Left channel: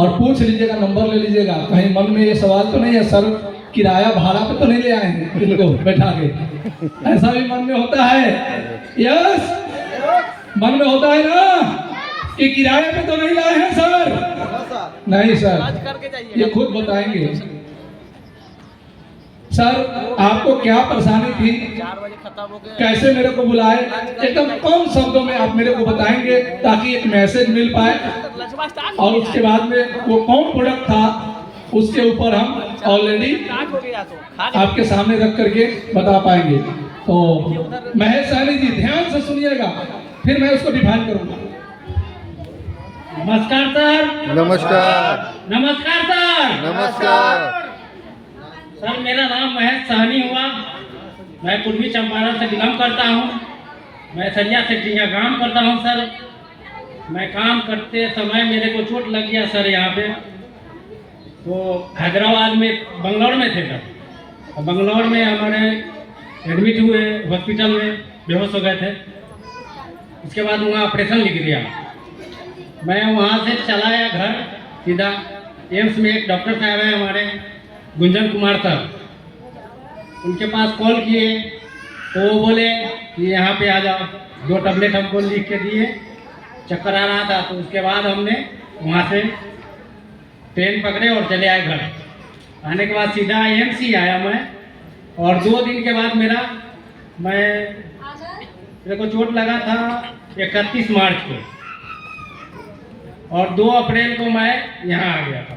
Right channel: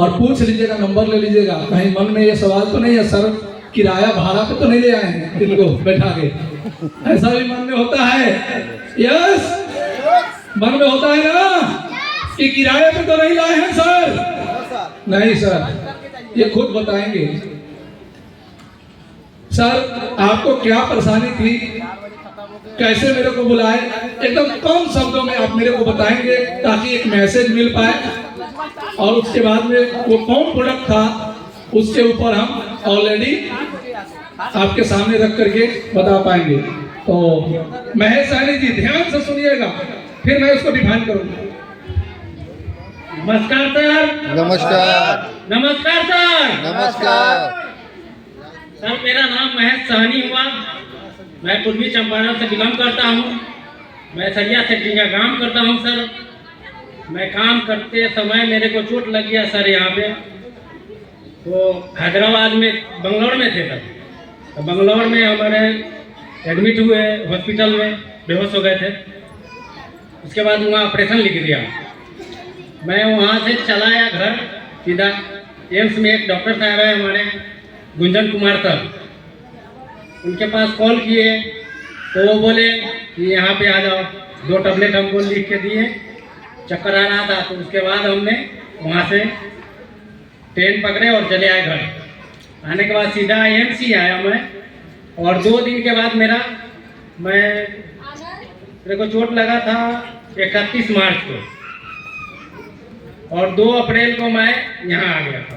और पूछ लीजिएगा, नंबर ले लीजिएगा। कहीं मन में ये सवाल तो नहीं है सर किराया भाड़ा पे तो नहीं ले आए हैं इनको बैठा के, ऐसा भी मन में होता है? यस, मन में होता है ना कि किराए पे तो नहीं लाए हैं सर? नहीं सर, ये खुद बताएंगे। सर आपको क्या परेशानी थी, कैसे मेरे को बुलाए, एकदम कम शब्दों में आप मेरे को बताएंगे ताकि एक मैसेज मिल पाए, और उसके बाद में वो कौन प्रोडक्ट था उसके ऊपर हम ऑलरेडी आपके सामने रख करके बता पाएंगे। तो महेश सहनी जी ध्यान से सुनिएगा, फिर मैं उसको डिफाइन करूंगा। नमस्कार सर। नमस्कार। नमस्कार सर। नमस्कार सर, मेरा नाम महेश सहनी हुआ। मैं पूर्वी चंपारण से बिलोंग करता हूँ। मैं सरिया सेक्टी का काम करता हूँ सर। मैं काम करते समय मेरे को चोट लग गया सर यहाँ पे। वो हैदराबाद में बंगलौर में थे सर, तो बंगलौर में हमारे एडमिट हुए हॉस्पिटल में, बेहोश हो गए थे। उसके बाद वहाँ ऑपरेशन लिख दिया। मैं वहाँ से चला आया घर सीधा। एम्स में एक डॉक्टर साहब है हमारे, गुंजन कुमार सर, उनके पास कॉल किए तो वो बोले कि यहाँ पे आ जाओ। 2 टैबलेट हमको लिख के दिए, चक्कर आ रहा था। तो उसके बाद हमने वहाँ से ट्रेन पकड़े और चले आए घर। आने के बाद सीधा एम्स ही आया मैं, और 2 दिन के बाद मेरे को चोट लगा था 31 मार्च को, और 2 अप्रैल को मैं यहाँ आ गया था।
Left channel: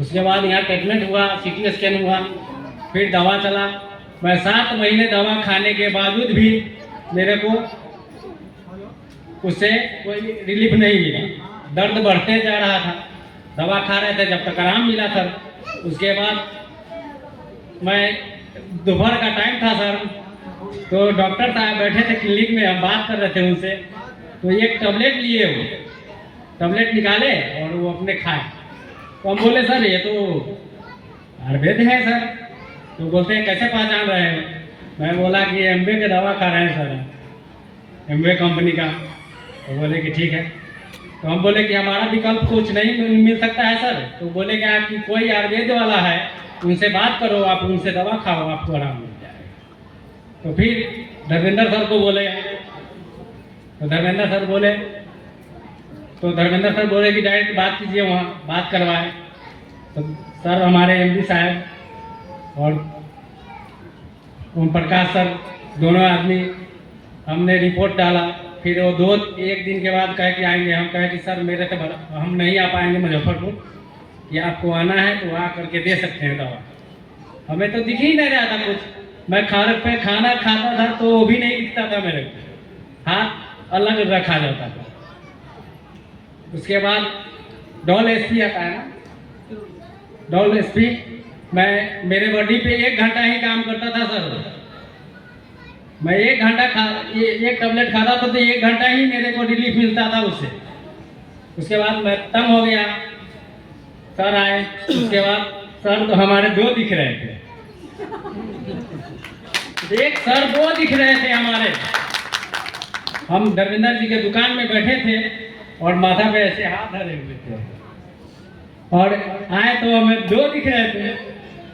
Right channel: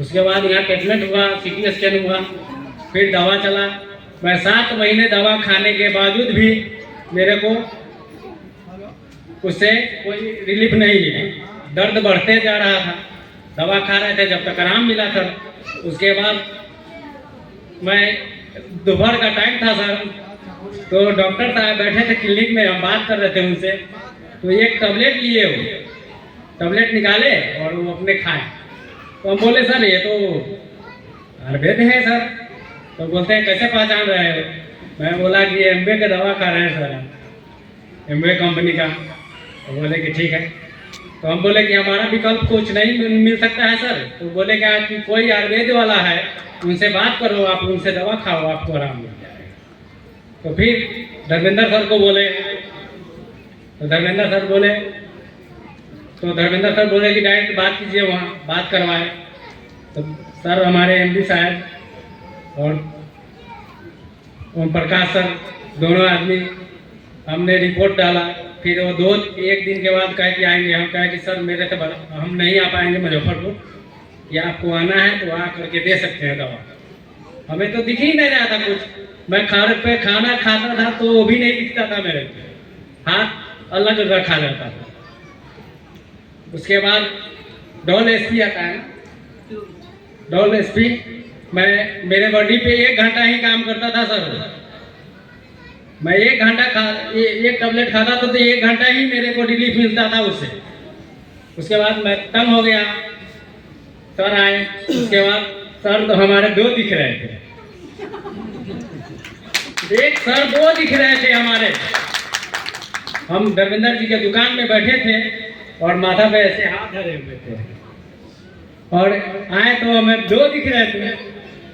उसके बाद यहाँ ट्रीटमेंट हुआ, CT स्कैन हुआ, फिर दवा चला। मैं 7 महीने दवा खाने के बावजूद भी मेरे को उससे कोई रिलीफ नहीं मिला। दर्द बढ़ते जा रहा था। दवा खा रहे थे जब तक आराम मिला सर। उसके बाद मैं दोपहर का टाइम था सर, तो डॉक्टर साहब बैठे थे क्लिनिक में, हम बात कर रहे थे उनसे। तो एक टैबलेट लिए, वो टैबलेट निकाले और वो अपने खाए। तो हम बोले सर ये तो आयुर्वेद है सर। तो बोलते हैं कैसे पहचान रहे हैं? मैं बोला कि एम्बे का दवा खा रहे हैं सर, एम्बे कंपनी का। तो बोले कि ठीक है। तो हम बोले कि हमारा विकल्प कुछ नहीं मिल सकता है सर? तो बोले कि आपकी कोई आयुर्वेद वाला है, उनसे बात करो, आप उनसे दवा खाओ, आपको आराम मिल जाएगा। तो फिर धर्मेंद्र सर को बोले, तो धर्मेंद्र सर बोले कि डायरेक्ट बात कीजिए, वहाँ बात करवाए। तो सर हमारे MD साहब और ओम प्रकाश सर, दोनों आदमी हमने रिपोर्ट डाला। फिर वो 1 दिन के बाद कहे कि आएंगे। हम कहे कि सर मेरे से हम नहीं आ पाएंगे मुजफ्फरपुर, या आपको आना है तो आ करके दे सकते हैं दवा। हमें तो दिख ही नहीं रहा था कुछ। मैं खाना खाता था तो वो भी नहीं दिखता था मेरे को, हाथ अलग रखा जाता था। उसके बाद डॉल SP आता है ना, डॉल SP मैं मेरे बॉडी पे 1 घंटा ही काम करता था सर। मैं 1 घंटा एक टैबलेट खाता था तो 1 घंटा ही मेरे को रिलीफ मिलता था उससे। उसके बाद मैं तंग हो गया। सर आए, उसके बाद सर तो हमारे 2 दिख रहे थे। एक सर 2 दिख रहे थे हमारे। हम धर्मेंद्र जी के दुकान में बैठे थे और माथा पे ऐसे हाथ धरे हुए थे, और आए तो हमें 2 दिख रहे थे।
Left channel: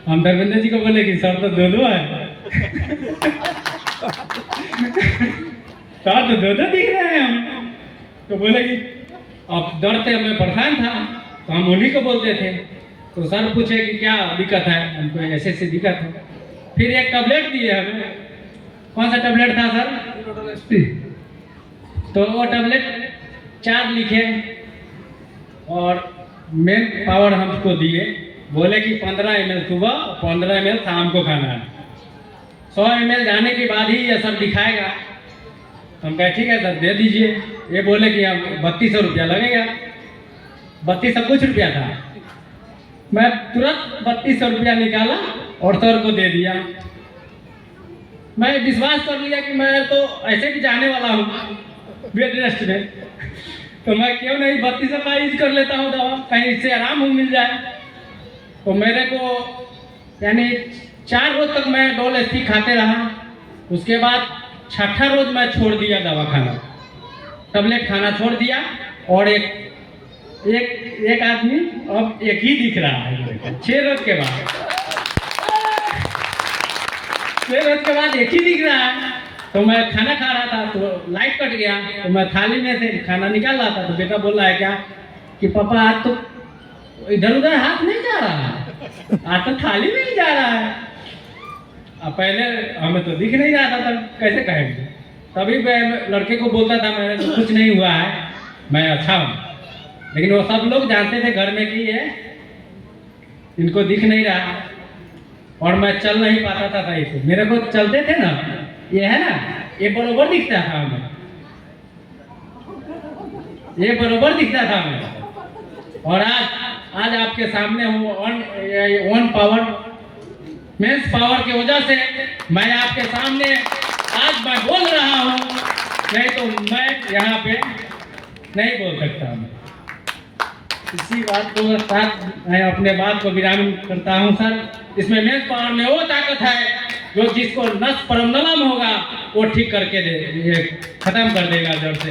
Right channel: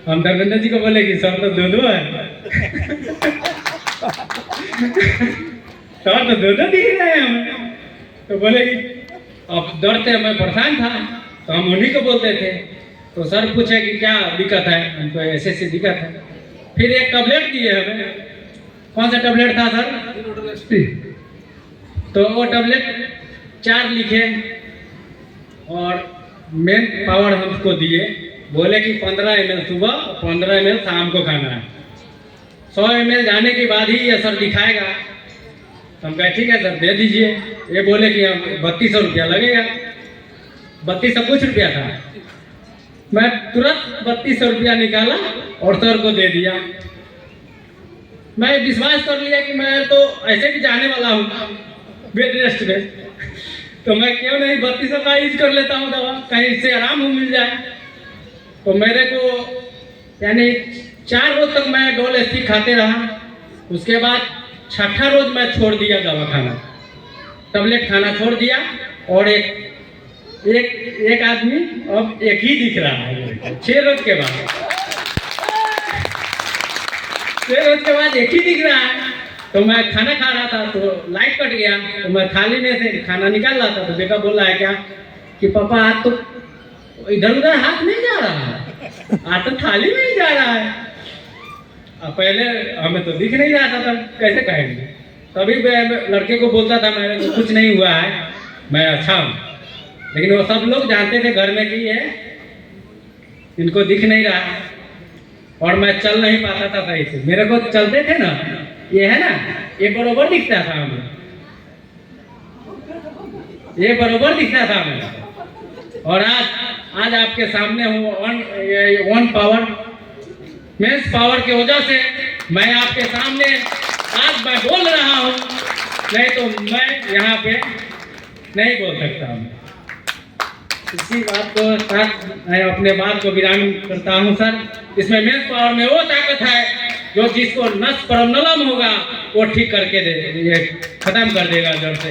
हम धर्मेंद्र जी को बोले कि सर तो 2 है। सर तो 2 दिख रहे हैं हमें। तो बोले कि अब दर्द से मैं परेशान था, तो हम उन्हीं को बोलते थे। तो सर पूछे कि क्या दिक्कत है? हमको ऐसे दिक्कत है। फिर एक टैबलेट दिए हमें। कौन सा टैबलेट था सर? तो वो टैबलेट 4 लिखे और मेन पावर हमको दिए। बोले कि 15 ml सुबह और 15 ml शाम को खाना है। 100 ml जाने के बाद ही ये सर दिखाएगा। हम कहे ठीक है सर दे दीजिए। ये बोले कि हम 3200 रुपया लगेगा। 3200 कुछ रुपया था। मैं तुरंत 3200 रुपया निकाला और सर को दे दिया। मैं विश्वास कर लिया कि मैं तो ऐसे भी जाने वाला हूँ बेड रेस्ट में, तो मैं क्यों नहीं 3200 का यूज कर लेता हूँ दवा, कहीं इससे आराम हो मिल जाए। तो मेरे को यानी 4 रोज तक मैं डोल SP खाते रहा। उसके बाद 6ठा रोज मैं छोड़ दिया दवा खाना, टैबलेट खाना छोड़ दिया, और एक एक आदमी अब एक ही दिख रहा है मेरे को 6 रोज के बाद। 6 रोज के बाद एक ही दिख रहा है। तो मैं खाना खा रहा था तो लाइट कट गया, तो मैं थाली में से खाना निकाल रहा था तो बेटा बोल रहा है क्या कि पापा आज तो इधर उधर हाथ नहीं जा रहा है, आज तो थाली में ही जा रहा है। अब पहले हमें तो दिख नहीं रहा था, तब कैसे कहेंगे। तभी मैं लड़के को बोलता था मेरे तो कुछ नहीं हुआ है, मैं अच्छा हूँ। लेकिन वो सब लोग जानते थे घर में कि ये इनको दिख नहीं रहा और मैं चल नहीं पाता था सही से। मेरे को चलते थे ना, ये है ना, ये बरोबर दिखता था हमें, ये बरोबर दिखता था हमें। और आज आपके सामने हूँ वन पावर मेंस पावर की वजह से मैं आपके सामने आज मैं बोल रहा हूँ, नहीं तो मैं यहाँ पे नहीं बोल सकता हूँ। इसी बात को साथ मैं अपने बात को विराम करता हूँ सर। इसमें मेंस पावर में वो ताकत है जो जिसको नस परमनलम होगा वो ठीक करके दे, ये खत्म कर देगा जड़ से।